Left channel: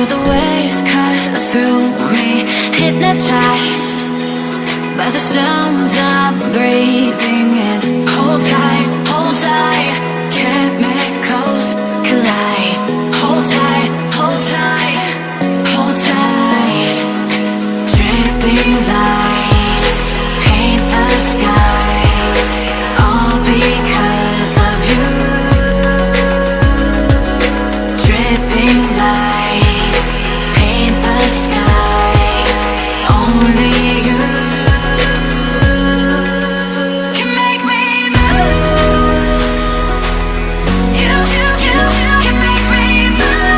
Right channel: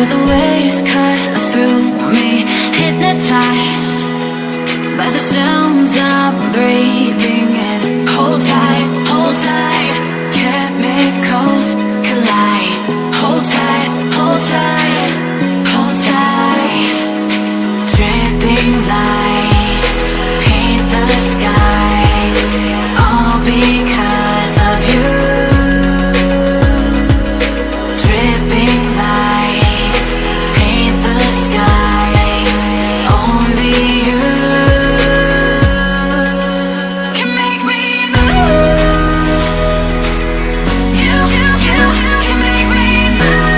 Feel the waves cut through me, hypnotized by the sounds I'm breathing in. Hold tight, chemicals collide. Hold tight, hold tight, hold tight. Dripping lights paint the skies, all because of you. Dripping lights paint the skies, only you can make me move. You can make me move.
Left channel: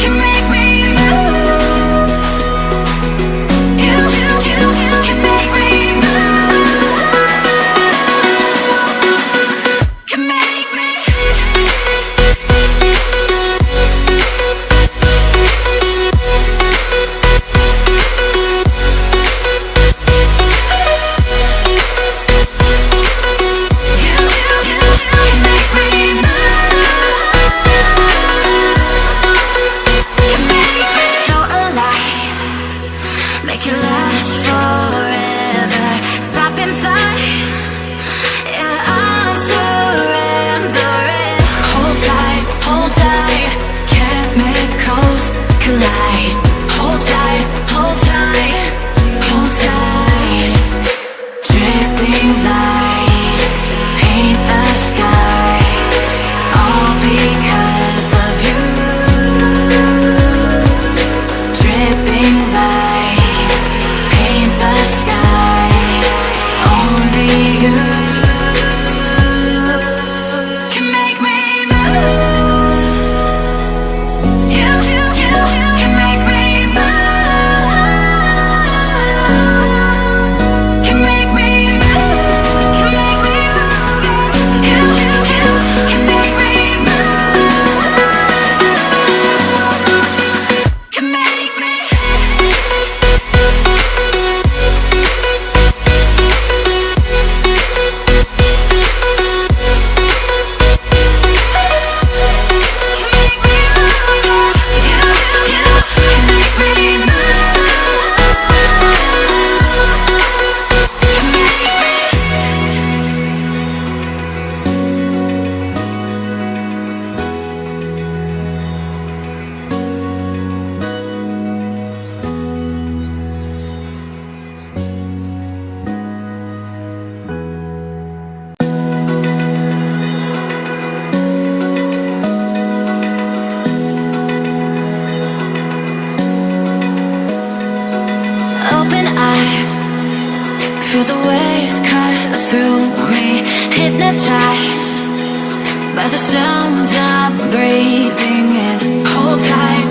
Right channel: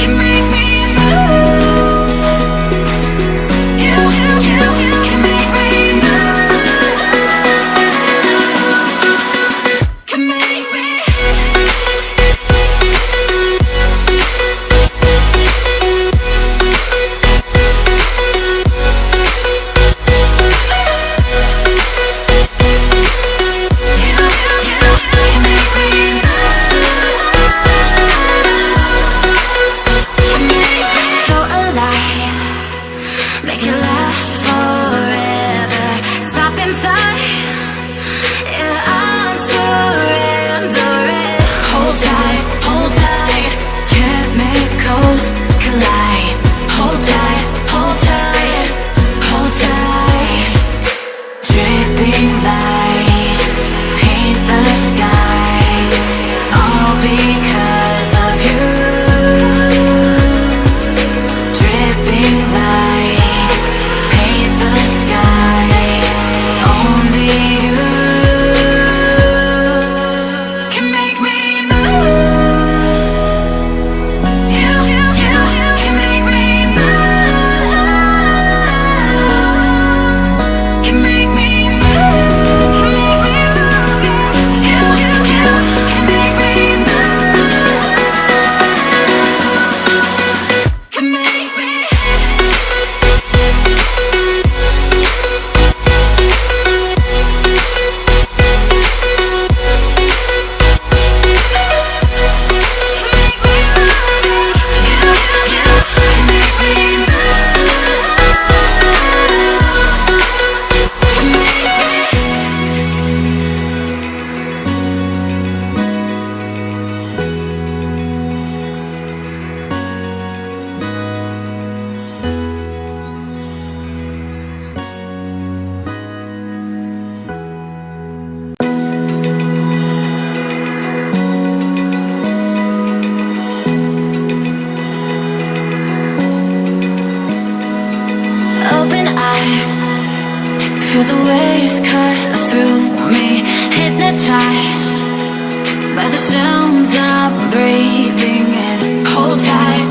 Can make me move. You can make me move. Can make me. So alive, make it last forever. Stop in time, yeah, I'm surrendering. Hold tight, chemicals collide. Hold tight, hold tight, hold tight. Dripping lights paint the skies, all because of you. Dripping lights paint the skies, only you can make me move. You can make me move. Can make me move. Can make me move. You can make me move. Can make me. Open eye, feel the waves cut through me, hypnotized by the sounds I'm breathing in. Hold tight.